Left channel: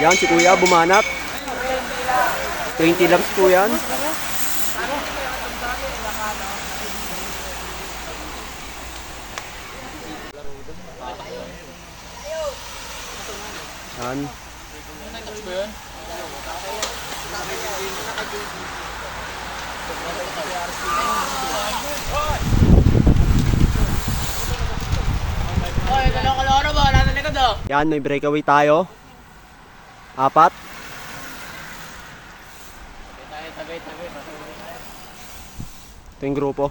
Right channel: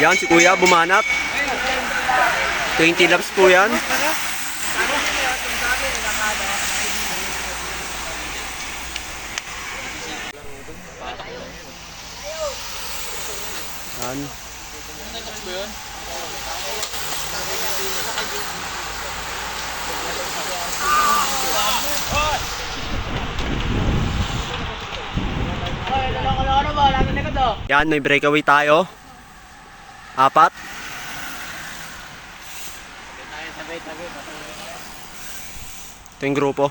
Yan, si Kuya bumanat. 20 laps po yan. Yan. Yan, may breakaway tayo. 4. Ito yung grupo.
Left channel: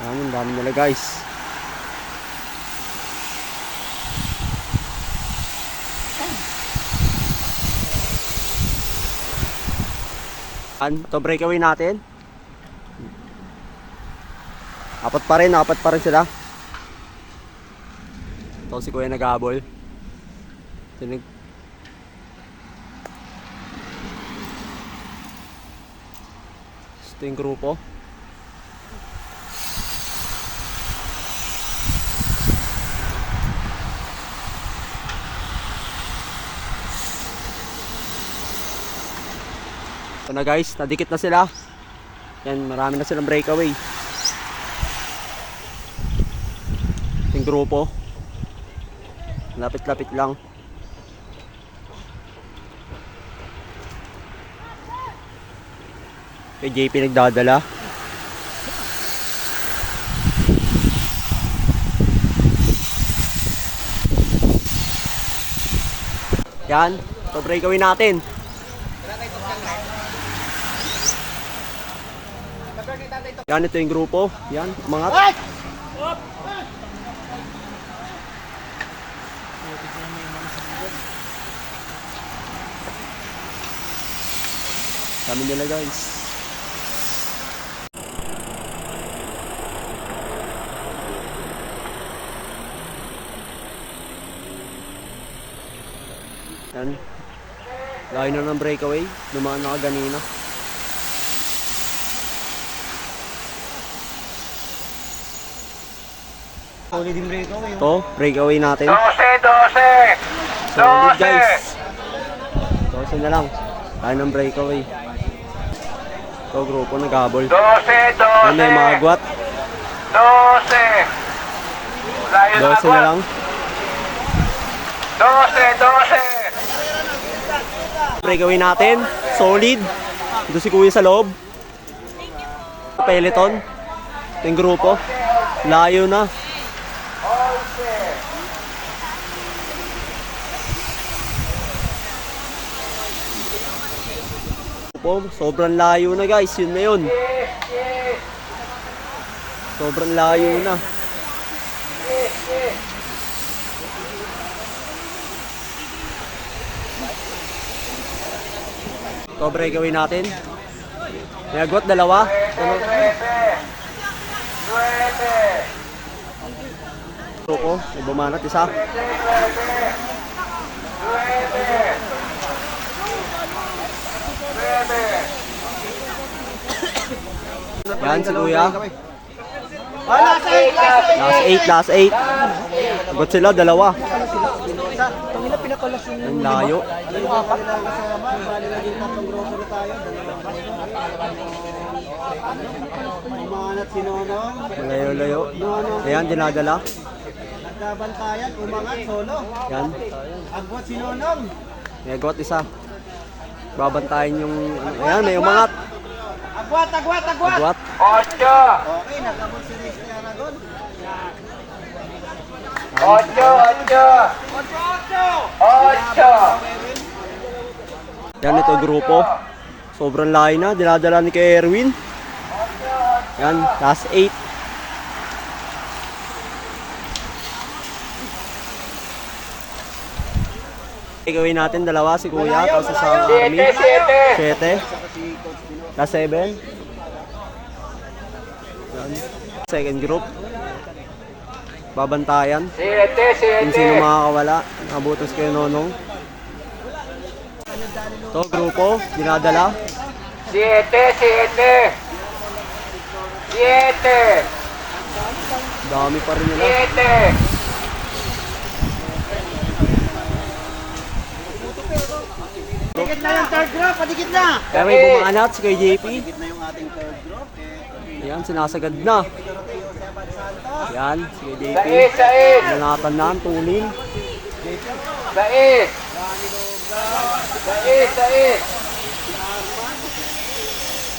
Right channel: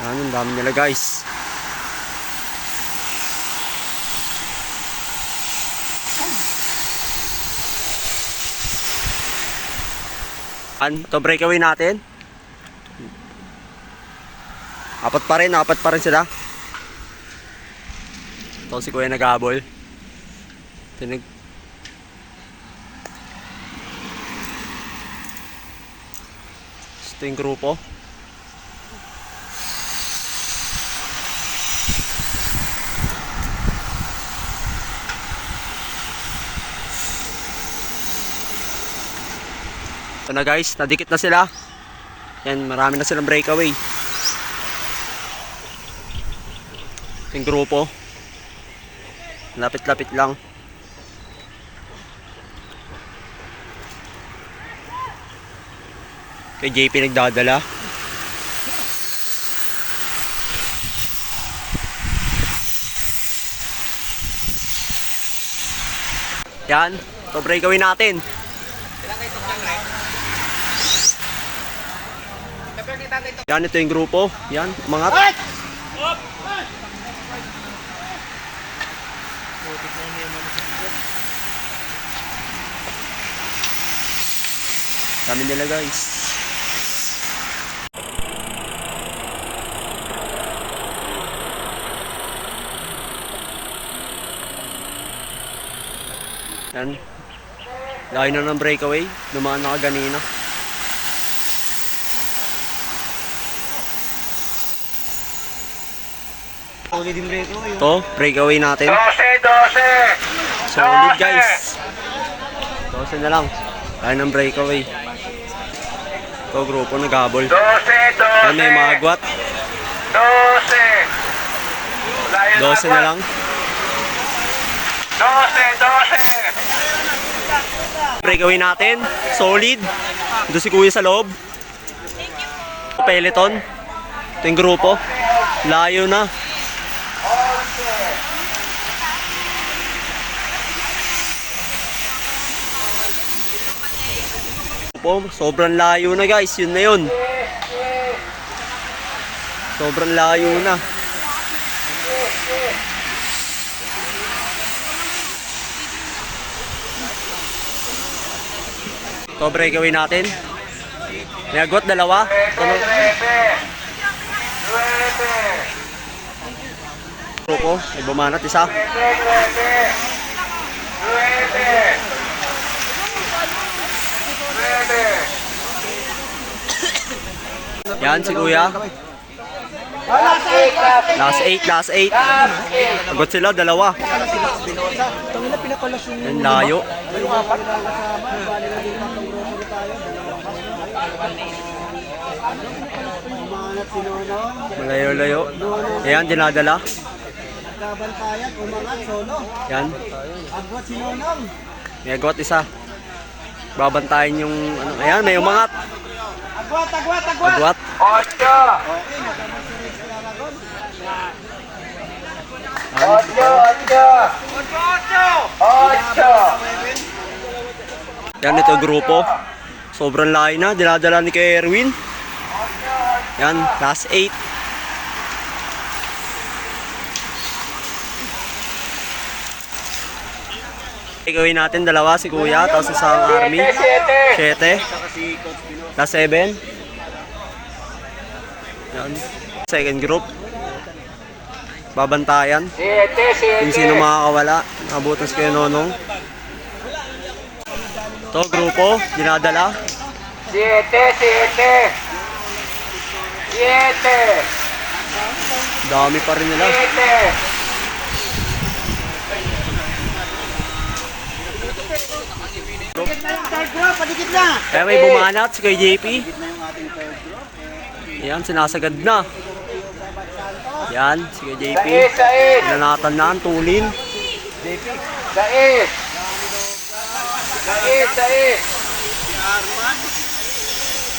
Yan, ang dami nila guys. Yan, ito breakaway natin. 4 pa rin sila. Ito si Kuya nag-habol. Ito yung grupo. Ito na guys, nadikit na sila. Yan, marami na silang breakaway. Ito yung grupo. Lapit-lapit lang. Kay JP nagdadala. Yan, ito breakaway natin. Yan, ito yung grupo. Yan, umangat. Dami nila guys. Yan. Layo na ng breakaway. Dumaan na kaganina. Ito, breakaway natin. 12. Solid guys. 12 na lang. Layo ng breakaway. Ito, grupo nag-habol. Yan, may mga agwat. 12 na lang. 12. Breakaway natin. Solid. Ito si Kuya sa loob. Peloton. Ito yung grupo. Layo na. Sobrang layo na guys, yun na yun. Sobrang layo na. Ito breakaway natin. May agwat, 2. Grupo, may bumanat, 1. Yan si Kuya. Last 8. Agad sila, 2. Yan, layo. Malayo-layo. Ayan, dinadala. Nagkabantayan, umangat, solo. Yan. Agwat si Nonong. May agwat, 1. Babantayan yung ano. Ayan, may umangat. Agwat. Agwat. 8. Okay, nagkabot si Riz Aragon. 8. Yan, ito grupo. Sobrang layo na. Dinadala ni kay Erwin. Yan, last 8. Gawin natin 2 si Kuya, tapos isang army. 7. Last 7. Yan. Second group. Babantayan. Kung sino makakawala. Nabutas kayo Nonong. Ito, grupo. Dinadala. 7. Dami pa rin nila. Padikit na yung third group, padikit na. Kaya may bumanat si kay JP. Padikit na yung ating third group. Yan, sinasagad na. Yan, si kay JP. Nanatan na ang tulin. Sais! Sais!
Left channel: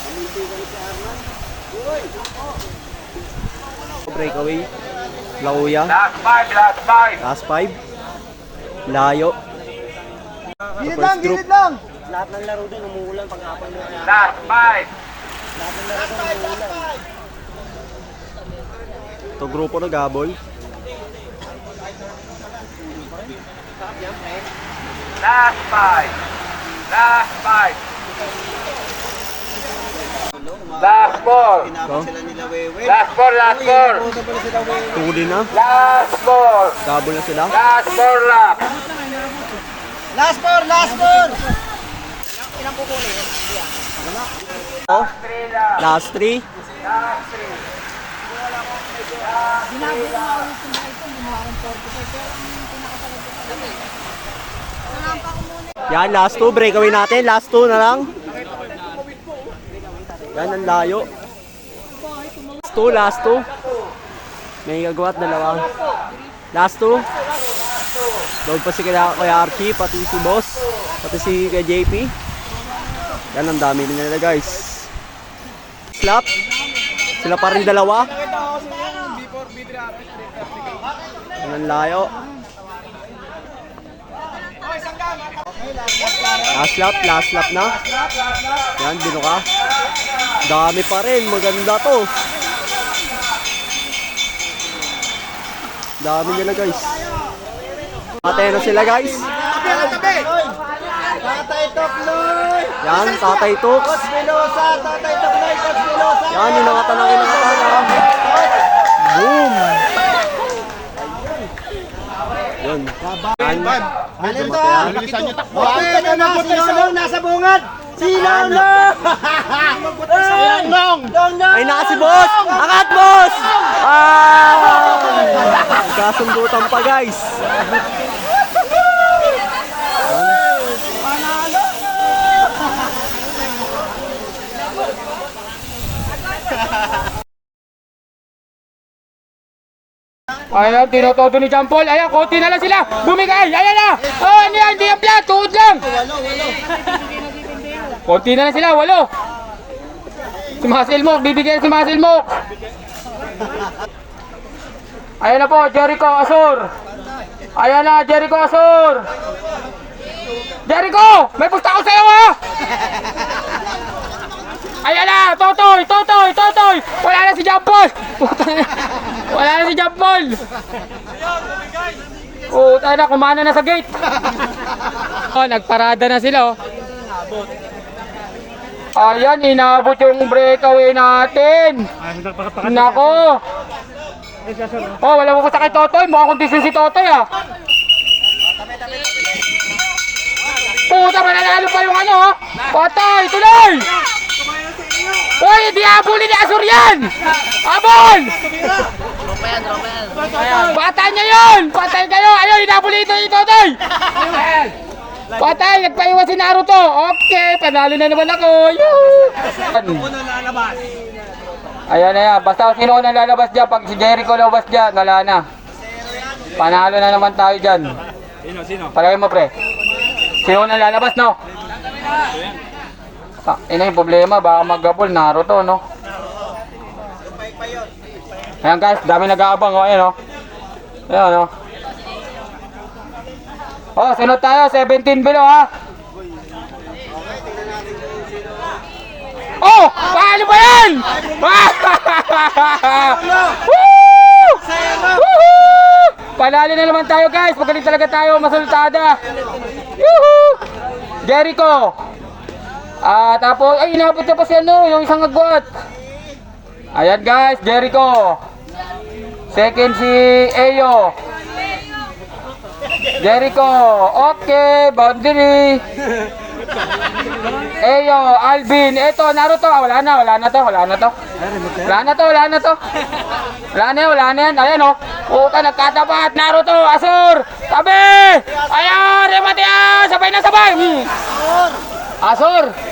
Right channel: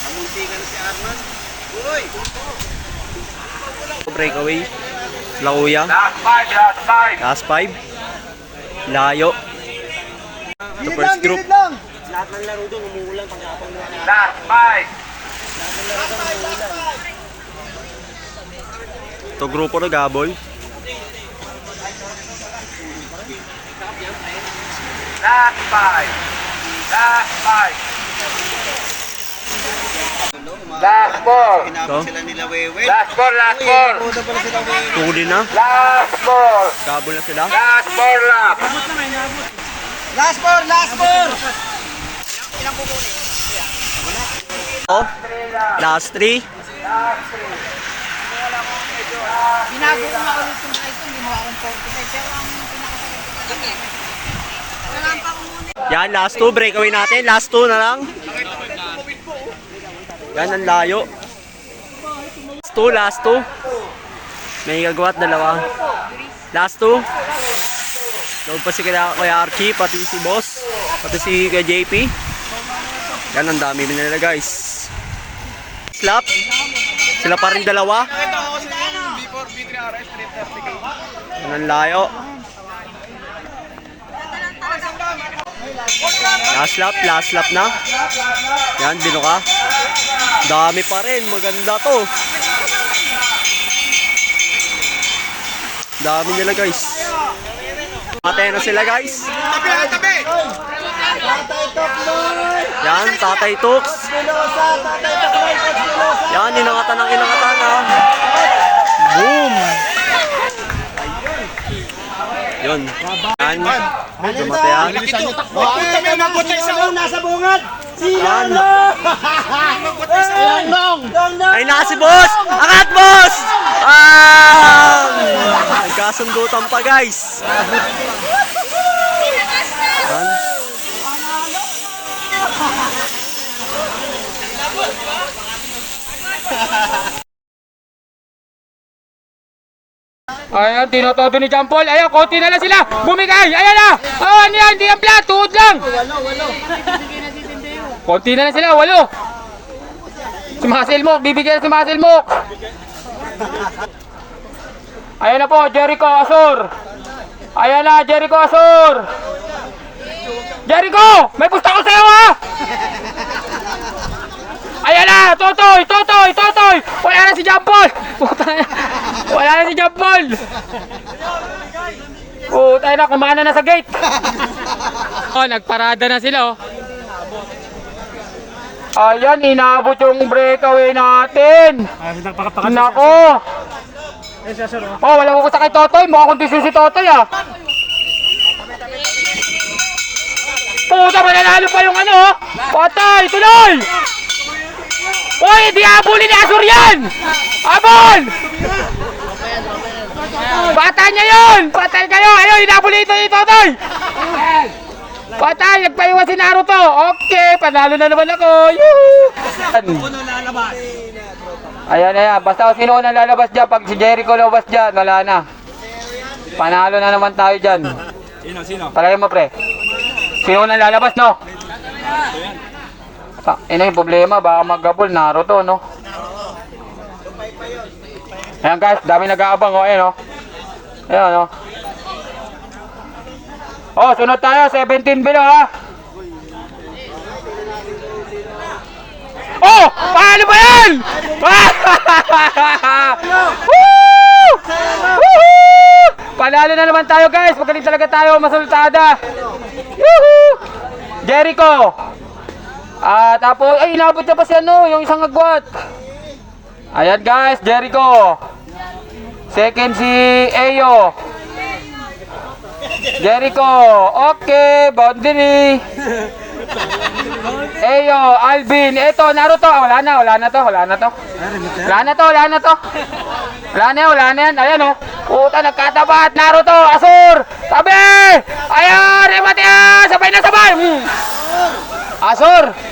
Pamuntikan si Arman. Uy! Breakaway. Lauya. Last five, last five! Last 5. Layo. The first group. Gilid lang! Lahat ng laro doon, umuulan pag-apang mo. Last five! Lahat ng laro doon, umuulan. Ito grupo na gabol. Last five! Last five! Last four! Pinapos sila nila Wewe. Last four, last four! Puta pala sila Wewe. Tulin na. Last four! Gabol na sila. Last four lap! Last four! Last four! Oh, last 3. Last three! Binago ko nga ulit yung bike ko, hindi mo akong 45. Pero ang pinakasagad ko talaga, kailangan pa ko muna. Yan, last 2. Breakaway natin. Last 2 na lang. Yan, ang layo. Last 2. May gagawa at dalawa. Last 2. Load pa si Kuya Archie, pati si Boss, pati si Kuya JP. Yan, ang dami nila guys. Slap. Sila pa rin dalawa. Yan ang layo. Last lap na. Yan, binuka. Dami pa rin, maganda to. Dami nila guys. Matay na sila guys. Tatay Tokloy! Yan, Tatay Tux. Coach Velosa! Tatay Tokloy! Coach Velosa! Yan, inangatan ha. Boom! Yun. Yan. Dumatayan. Okay, ito na! Si Nonong nasa bungad! Si Nonong! Nonong! Ay, naka si Boss! Angat, Boss! Nagkasundutan pa, guys. Yan. Ayan, tinotodo ni John Paul. Ayan, konti na lang sila. Bumigay. Ayan na. Oh, ano yan? Hindi yan flat. Tuhod lang. Walo! Konti na lang sila. 8. Si Muscle Mook. Bibigyan si Muscle Mook. Ayan na po. Jericho Asor. Ayan na. Jericho Asor. Jericho! May pusta ko sa'yo ha! Ayan na! Totoy! Wala na si John Paul! Wala na si John Paul! Tayo na, kumana na sa gate! Oh, nagparada na sila oh. Ayan, inabot yung breakaway natin! Nako! Oh, wala mo pusta kay Totoy! Mukhang kondisyon si Totoy ah! Puta, mananalo pa yung ano! Patay! Tuloy! Uy, di abulin ni Asur yan! Abol! Patay niya yun! Patay kayo! Ayun, inabulin ito ito! Patay! Nagpaiwan si Naruto! Okay, panalo na naman ako! Yuhu! Ayan. Basta sino na lalabas dyan. Pag si Jericho lalabas dyan, wala na. Panalo na naman tayo dyan. Sino? Palagay mo, pre. Sino na lalabas, no? Ino yung problema, baka mag-gapol, Naruto, no? Ayan guys, dami nag-aabang, oh, ayan, oh. Ayan, oh. Oh, sunod tayo, 17 below, ha? Oh! Paano ba yan? Woo! Woo! Panalo na naman tayo, guys. Magaling talaga tayo, masultada. Yuhu! Jericho. Tapos, ay, inabot niya pa si ano, yung isang agwat. Ayan guys, Jericho. Second si Eyo. Jericho. Okay, boundary. Eyo, Alvin, eto, Naruto. Ah, wala na to. Wala na yan. Ayan o. Puta, nagkatapat. Naruto, Asur. Tabi! Ayan, remate yan! Sabay na sabay! Asur!